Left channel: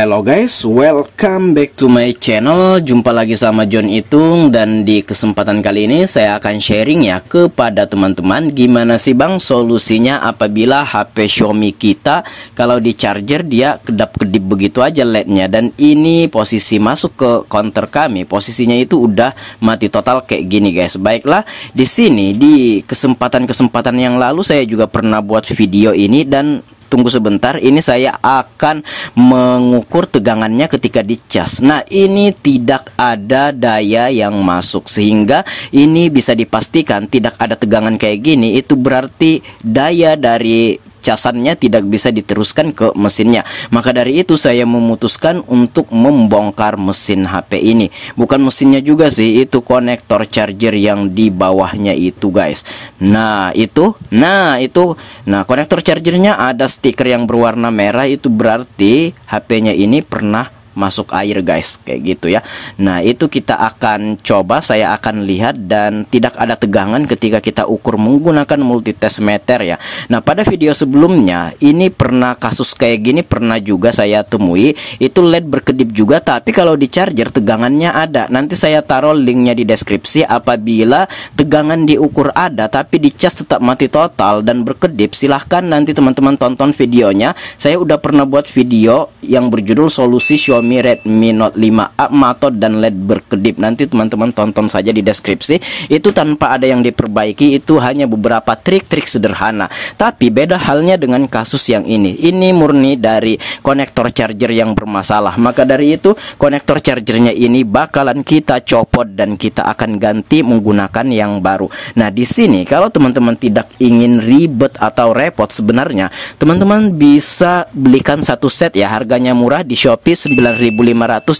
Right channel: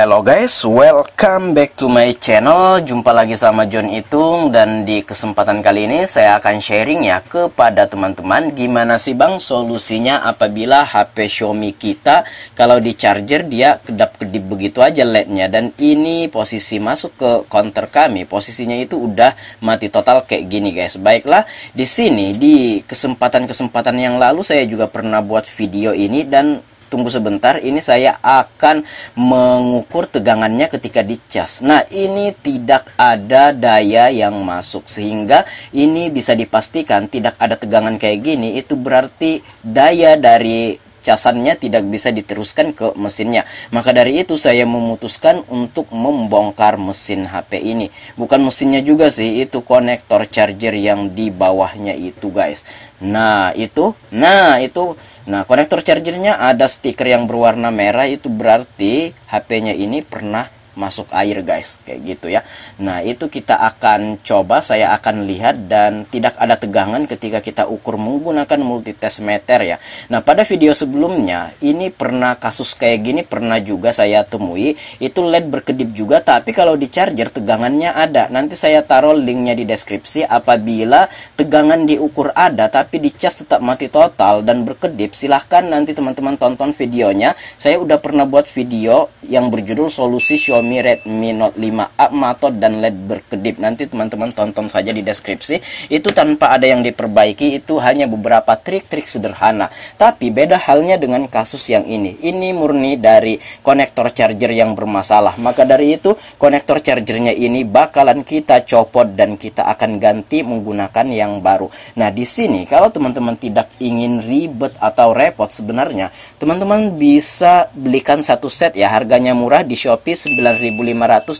Hello guys, welcome back to my channel. Jumpa lagi sama John Itung. Dan di kesempatan kali ini saya akan sharing ya kepada teman-teman gimana sih bang solusinya apabila HP Xiaomi kita kalau di charger dia kedap-kedip begitu aja LED-nya. Dan ini posisi masuk ke counter kami, posisinya itu udah mati total kayak gini guys. Baiklah, di sini di kesempatan-kesempatan yang lalu saya juga pernah buat video ini. Dan tunggu sebentar, ini saya akan mengukur tegangannya ketika dicas. Nah, ini tidak ada daya yang masuk, sehingga ini bisa dipastikan tidak ada tegangan kayak gini. Itu berarti daya dari casannya tidak bisa diteruskan ke mesinnya. Maka dari itu saya memutuskan untuk membongkar mesin HP ini. Bukan mesinnya juga sih, itu konektor charger yang di bawahnya itu guys. Nah konektor chargernya ada stiker yang berwarna merah, itu berarti HP-nya ini pernah masuk air guys, kayak gitu ya. Nah, itu kita akan coba, saya akan lihat, dan tidak ada tegangan ketika kita ukur menggunakan multitest meter ya. Nah, pada video sebelumnya ini pernah kasus kayak gini, pernah juga saya temui, itu LED berkedip juga, tapi kalau di charger tegangannya ada. Nanti saya taruh linknya di deskripsi. Apabila tegangan diukur ada tapi di cas tetap mati total dan berkedip, silahkan nanti teman-teman tonton videonya. Saya udah pernah buat video yang berjudul solusi Xiaomi Redmi Note 5A Matot dan LED berkedip. Nanti teman-teman tonton saja di deskripsi. Itu tanpa ada yang diperbaiki, itu hanya beberapa trik-trik sederhana. Tapi beda halnya dengan kasus yang ini. Ini murni dari konektor charger yang bermasalah. Maka dari itu konektor chargernya ini bakalan kita copot dan kita akan ganti menggunakan yang baru. Nah, di sini kalau teman-teman tidak ingin ribet atau repot, sebenarnya teman-teman bisa belikan satu set ya, harganya murah di Shopee 9.500.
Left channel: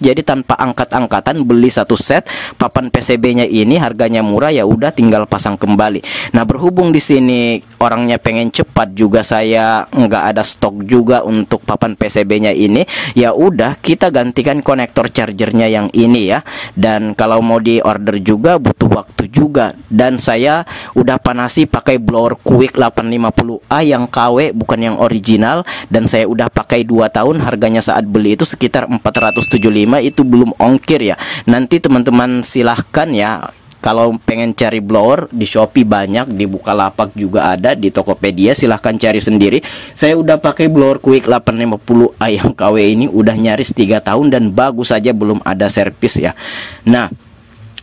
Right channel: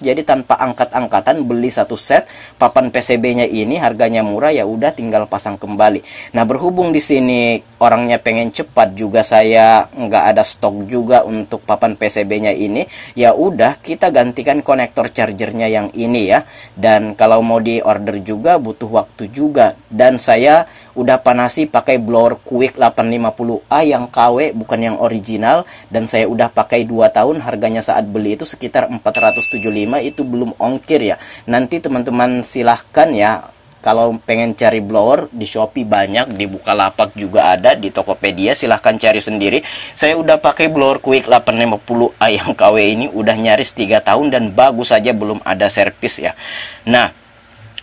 Jadi tanpa angkat-angkatan beli satu set papan PCB-nya ini, harganya murah, ya udah tinggal pasang kembali. Nah, berhubung di sini orangnya pengen cepat juga, saya nggak ada stok juga untuk papan PCB-nya ini, ya udah kita gantikan konektor chargernya yang ini ya. Dan kalau mau di order juga butuh waktu juga. Dan saya udah panasi pakai blower Quick 850A yang KW, bukan yang original. Dan saya udah pakai 2 tahun, harganya saat beli itu sekitar 475, itu belum ongkir ya. Nanti teman-teman silahkan ya, kalau pengen cari blower di Shopee banyak, di Bukalapak juga ada, di Tokopedia silahkan cari sendiri. Saya udah pakai blower Quick 850A yang KW ini udah nyaris 3 tahun dan bagus saja, belum ada servis ya. Nah,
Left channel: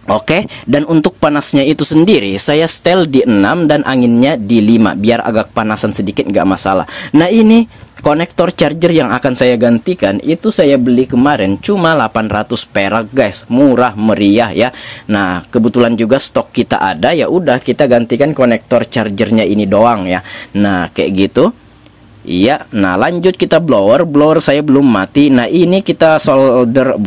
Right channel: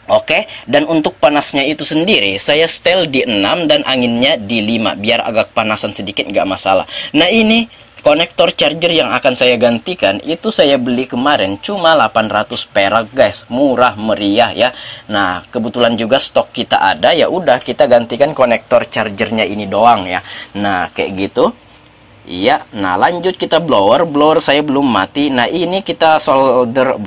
oke, dan untuk panasnya itu sendiri saya setel di 6 dan anginnya di 5 biar agak panasan sedikit, nggak masalah. Nah, ini konektor charger yang akan saya gantikan itu saya beli kemarin cuma 800 perak guys, murah meriah ya. Nah, kebetulan juga stok kita ada, ya udah kita gantikan konektor chargernya ini doang ya. Nah, kayak gitu. Iya, nah lanjut kita blower saya belum mati. Nah, ini kita solder,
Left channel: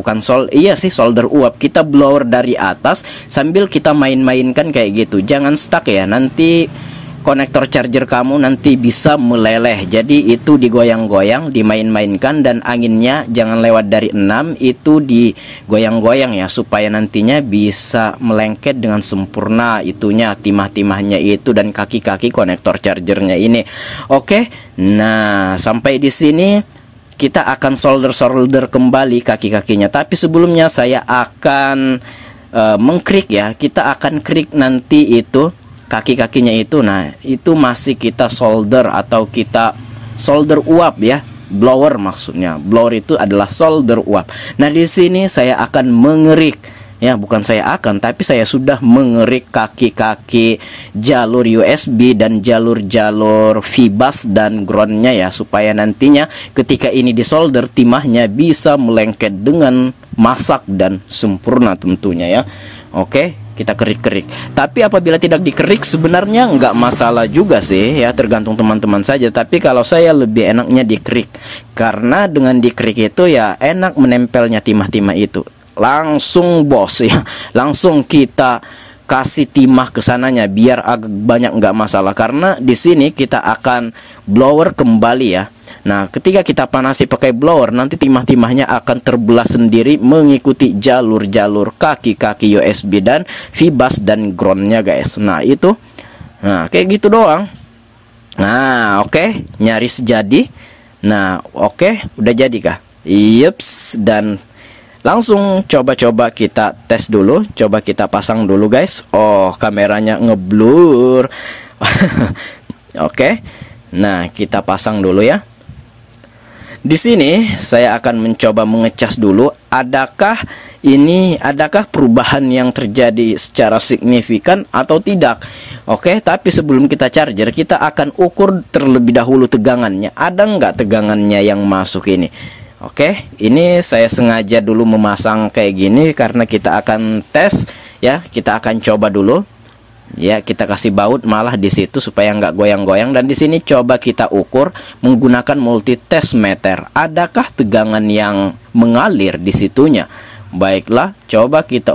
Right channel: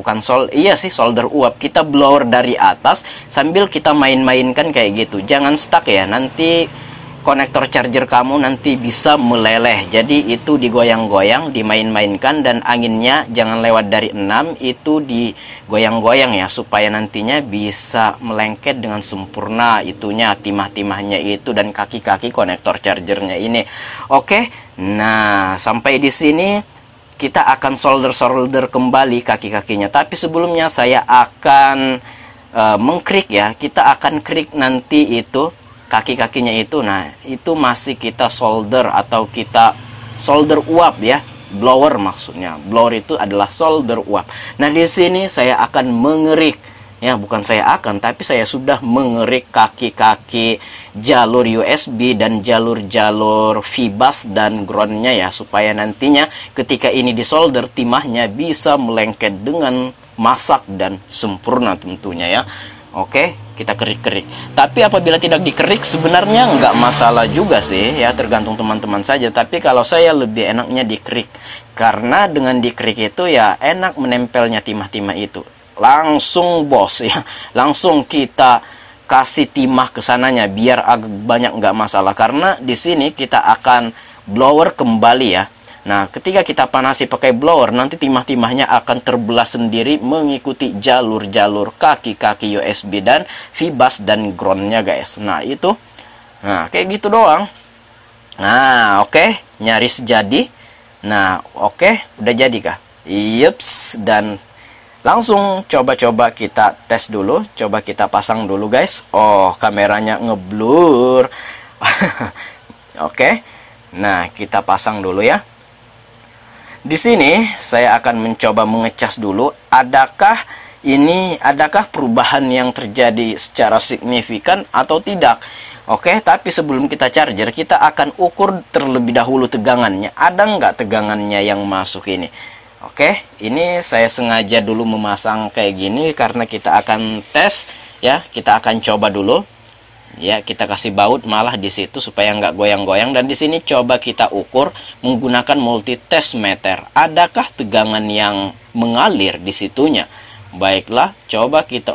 solder uap. Kita blower dari atas sambil kita main-mainkan kayak gitu. Jangan stuck ya, nanti konektor charger kamu nanti bisa meleleh. Jadi itu digoyang-goyang, dimain-mainkan, dan anginnya jangan lewat dari 6, itu digoyang-goyang ya, supaya nantinya bisa melengket dengan sempurna itunya, timah-timahnya itu, dan kaki-kaki konektor chargernya ini. Oke. Nah, sampai di sini kita akan solder kembali kaki-kakinya. Tapi sebelumnya saya akan mengkrik ya. Kita akan krik nanti itu kaki-kakinya itu. Nah, itu masih kita solder atau kita solder uap ya. Blower maksudnya. Blower itu adalah solder uap. Nah, di sini saya akan mengerik ya, bukan saya akan, tapi saya sudah mengerik kaki-kaki jalur USB dan jalur-jalur VBus dan groundnya ya, supaya nantinya ketika ini disolder timahnya bisa melengket dengan masak dan sempurna tentunya ya. Oke, kita kerik-kerik. Tapi apabila tidak dikerik sebenarnya nggak masalah juga sih ya, tergantung teman-teman saja. Tapi kalau saya lebih enaknya dikerik, karena dengan dikerik itu ya enak menempelnya timah-timah itu. Langsung bos ya, langsung kita kasih timah ke sananya biar agak banyak, nggak masalah. Karena di sini kita akan blower kembali ya. Nah, ketika kita panasi pakai blower, nanti timah-timahnya akan terbelah sendiri mengikuti jalur-jalur kaki-kaki USB dan VBus dan groundnya guys. Nah, itu, nah kayak gitu doang. Nah, oke, nyaris jadi. Nah, oke, udah jadi kah? Yups, dan langsung coba-coba kita tes dulu. Coba kita pasang dulu guys. Oh, kameranya ngeblur. Oke. Nah, kita pasang dulu ya. Di sini saya akan mencoba mengecas dulu. Adakah perubahan yang terjadi secara signifikan atau tidak? Oke, tapi sebelum kita charger, kita akan ukur terlebih dahulu tegangannya. Ada nggak tegangannya yang masuk ini? Oke, ini saya sengaja dulu memasang kayak gini karena kita akan tes ya. Kita akan coba dulu. Ya, kita kasih baut malah di situ supaya nggak goyang-goyang. Dan di sini coba kita ukur menggunakan multi test meter. Adakah tegangan yang mengalir di situnya? Baiklah, coba kita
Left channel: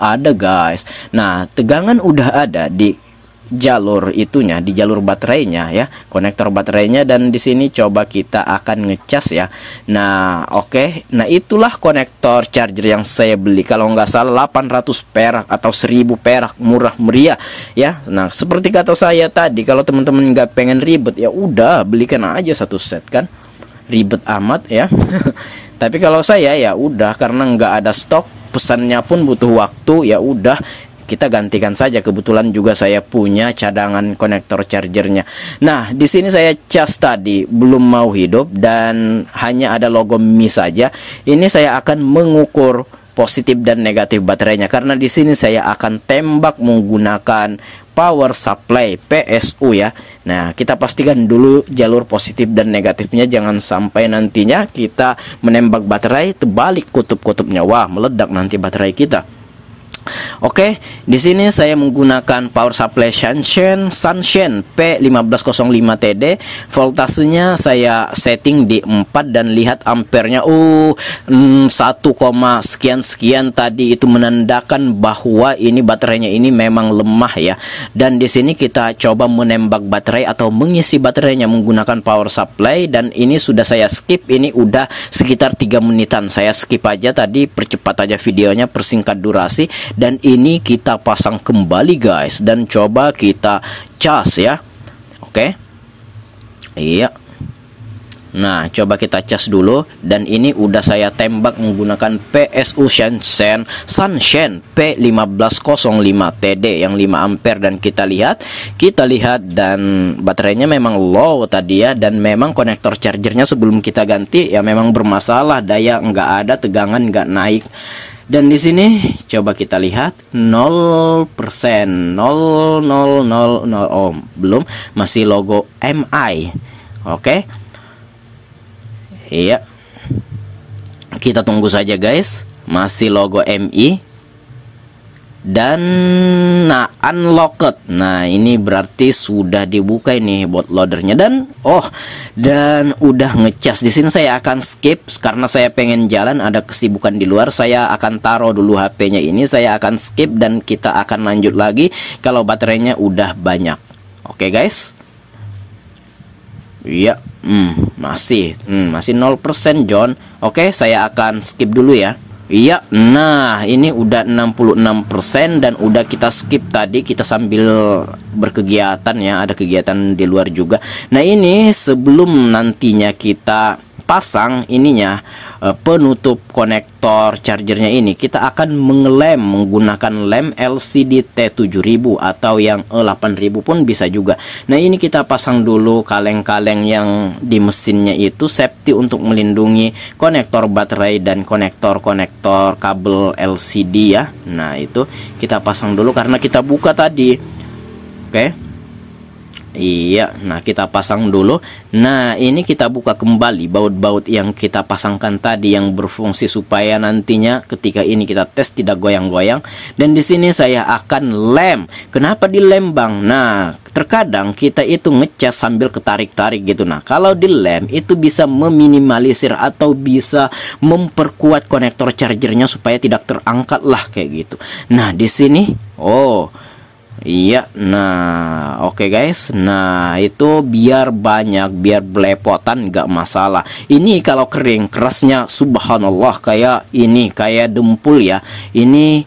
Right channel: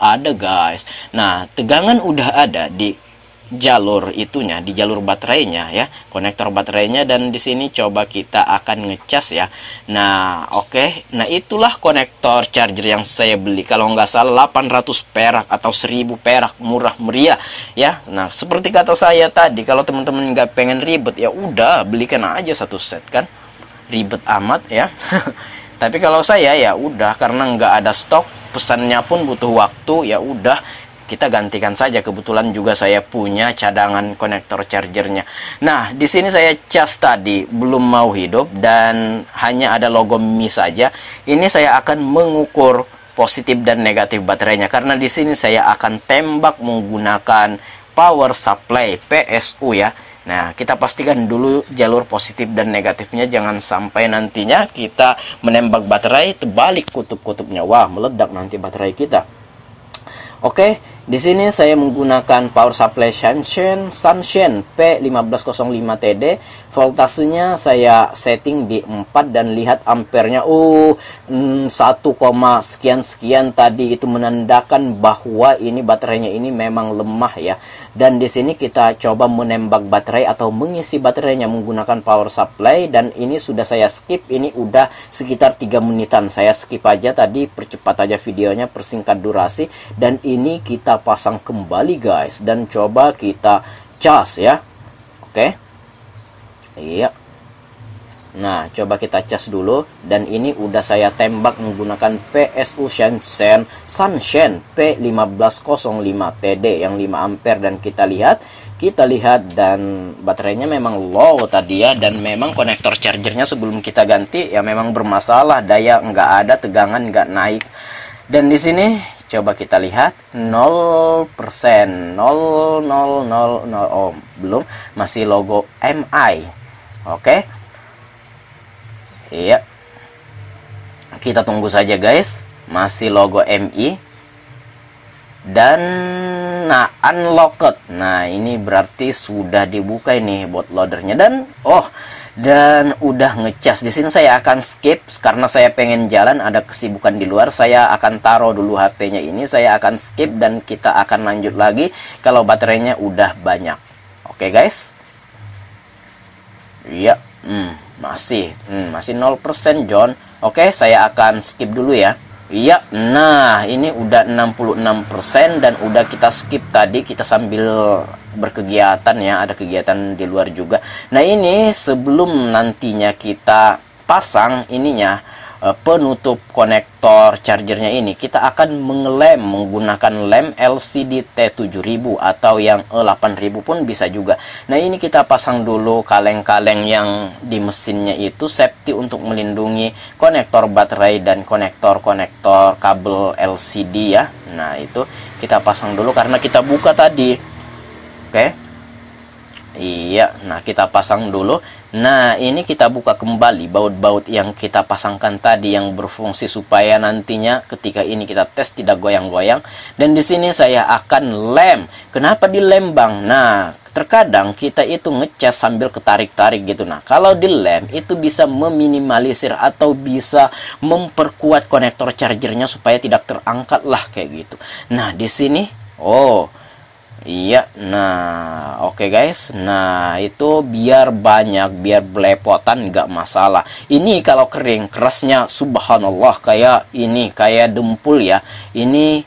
ada guys. Nah, tegangan udah ada di jalur itunya, di jalur baterainya ya, konektor baterainya. Dan di sini coba kita akan ngecas ya. Nah, oke. Nah, itulah konektor charger yang saya beli, kalau nggak salah 800 perak atau 1000 perak, murah meriah ya. Nah, seperti kata saya tadi, kalau teman-teman nggak pengen ribet ya udah belikan aja satu set kan, ribet amat ya. Tapi kalau saya ya udah, karena nggak ada stok, pesannya pun butuh waktu, ya udah kita gantikan saja. Kebetulan juga saya punya cadangan konektor chargernya. Nah, di sini saya cas tadi belum mau hidup dan hanya ada logo Mi saja. Ini saya akan mengukur positif dan negatif baterainya, karena di sini saya akan tembak menggunakan power supply PSU ya. Nah, kita pastikan dulu jalur positif dan negatifnya, jangan sampai nantinya kita menembak baterai terbalik kutub-kutubnya. Wah, meledak nanti baterai kita. Oke, di sini saya menggunakan power supply Sunshine P1505TD. Voltasenya saya setting di 4 dan lihat ampernya 1, sekian tadi, itu menandakan bahwa ini baterainya ini memang lemah ya. Dan di sini kita coba menembak baterai atau mengisi baterainya menggunakan power supply, dan ini sudah saya skip. Ini udah sekitar 3 menitan. Saya skip aja tadi, percepat aja videonya, persingkat durasi. Dan ini kita pasang kembali guys, dan coba kita cas ya. Oke. Iya. Nah, coba kita cas dulu. Dan ini udah saya tembak menggunakan PSU Sunshine P1505TD yang 5 ampere. Dan kita lihat dan baterainya memang low tadi ya. Dan memang konektor chargernya sebelum kita ganti ya memang bermasalah, daya nggak ada, tegangan nggak naik. Dan di sini coba kita lihat 0%, 000, oh belum, masih logo MI. Oke. Iya. Kita tunggu saja guys, masih logo MI. Dan nah, unlocked. Nah, ini berarti sudah dibuka ini bootloadernya, dan udah ngecas. Di sini saya akan skip karena saya pengen jalan, ada kesibukan di luar. Saya akan taruh dulu HP-nya ini, saya akan skip dan kita akan lanjut lagi kalau baterainya udah banyak. Oke guys. Iya, masih 0% John. Oke, saya akan skip dulu ya. Iya, nah ini udah 66% dan udah kita skip tadi, kita sambil berkegiatan ya, ada kegiatan di luar juga. Nah, ini sebelum nantinya kita pasang ininya, penutup konektor chargernya ini, kita akan mengelem menggunakan lem LCD T7000 atau yang E8000 pun bisa juga. Nah, ini kita pasang dulu kaleng-kaleng yang di mesinnya itu, safety untuk melindungi konektor baterai dan konektor-konektor kabel LCD ya. Nah, itu kita pasang dulu karena kita buka tadi. Oke. Iya, nah kita pasang dulu. Nah, ini kita buka kembali baut-baut yang kita pasangkan tadi yang berfungsi supaya nantinya ketika ini kita tes tidak goyang-goyang. Dan di sini saya akan lem. Kenapa dilem Bang? Nah, terkadang kita itu ngecas sambil ketarik-tarik gitu. Nah, kalau dilem itu bisa meminimalisir atau bisa memperkuat konektor chargernya supaya tidak terangkat lah kayak gitu. Nah, di sini iya, nah oke guys. Nah, itu biar banyak, biar belepotan nggak masalah. Ini kalau kering, kerasnya subhanallah kayak ini, kayak dempul ya. Ini,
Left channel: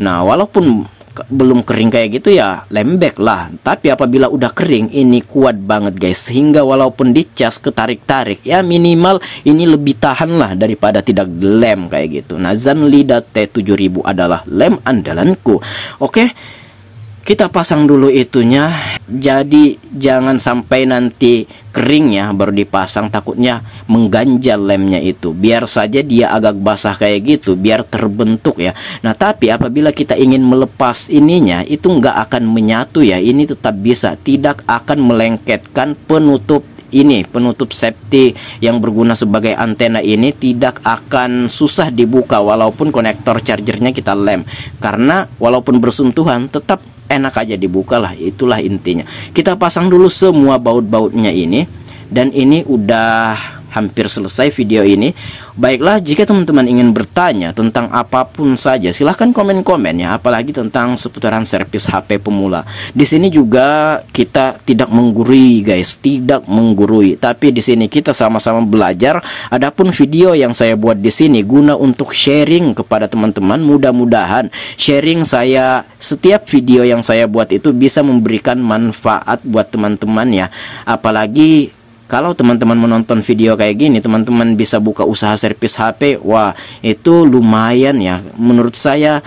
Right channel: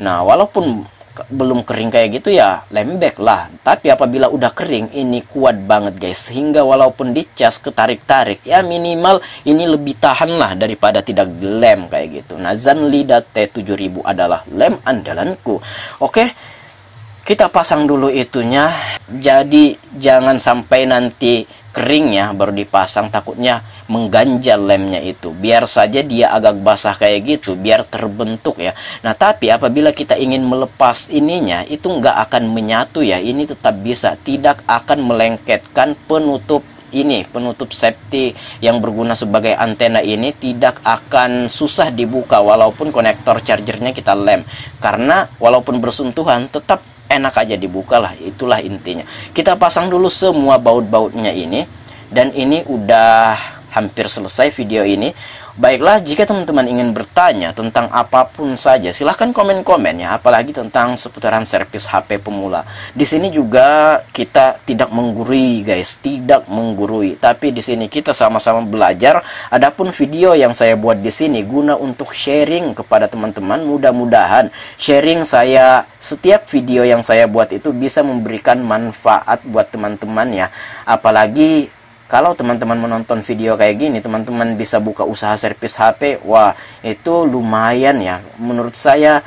nah walaupun belum kering kayak gitu ya lembek lah. Tapi apabila udah kering ini kuat banget guys, sehingga walaupun dicas ketarik-tarik ya minimal ini lebih tahan lah daripada tidak lem kayak gitu. Nah, Zanlida T7000 adalah lem andalanku. Oke, kita pasang dulu itunya. Jadi jangan sampai nanti kering ya baru dipasang, takutnya mengganjal lemnya itu. Biar saja dia agak basah kayak gitu, biar terbentuk ya. Nah, tapi apabila kita ingin melepas ininya, itu nggak akan menyatu ya. Ini tetap bisa, tidak akan melengketkan penutup ini, penutup safety yang berguna sebagai antena ini tidak akan susah dibuka walaupun konektor chargernya kita lem. Karena walaupun bersentuhan tetap enak aja dibuka lah, itulah intinya. Kita pasang dulu semua baut-bautnya ini, dan ini udah hampir selesai video ini. Baiklah, jika teman-teman ingin bertanya tentang apapun saja, silahkan komen-komen ya, apalagi tentang seputaran servis HP pemula. Di sini juga kita tidak menggurui guys, tidak menggurui, tapi di sini kita sama-sama belajar. Adapun video yang saya buat di sini guna untuk sharing kepada teman-teman. Mudah-mudahan sharing saya, setiap video yang saya buat itu bisa memberikan manfaat buat teman-teman ya. Apalagi kalau teman-teman menonton video kayak gini, teman-teman bisa buka usaha servis HP. Wah, itu lumayan ya. Menurut saya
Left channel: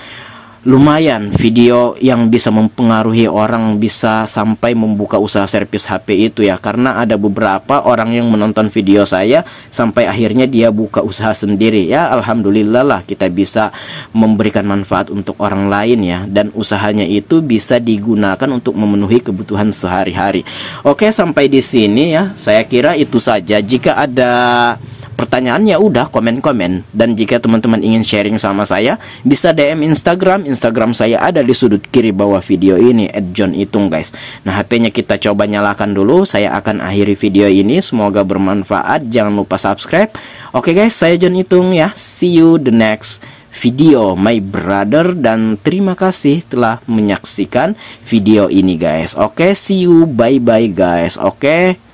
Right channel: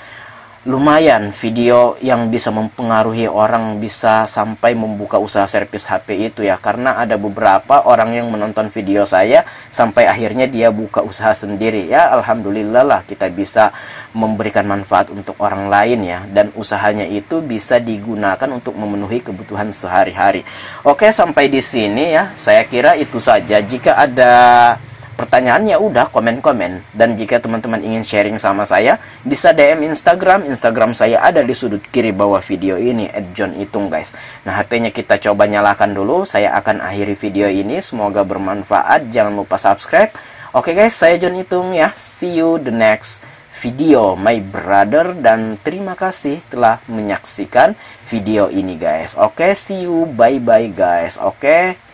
lumayan video yang bisa mempengaruhi orang, bisa sampai membuka usaha servis HP itu ya. Karena ada beberapa orang yang menonton video saya sampai akhirnya dia buka usaha sendiri ya. Alhamdulillah lah, kita bisa memberikan manfaat untuk orang lain ya, dan usahanya itu bisa digunakan untuk memenuhi kebutuhan sehari-hari. Oke, sampai di sini ya. Saya kira itu saja. Jika ada pertanyaan ya udah komen-komen, dan jika teman-teman ingin sharing sama saya bisa DM Instagram saya ada di sudut kiri bawah video ini @johnitung guys. Nah, HP-nya kita coba nyalakan dulu. Saya akan akhiri video ini, semoga bermanfaat. Jangan lupa subscribe. Oke guys, saya John Itung ya. See you the next video my brother, dan terima kasih telah menyaksikan video ini guys. Oke, see you, bye bye guys. Oke.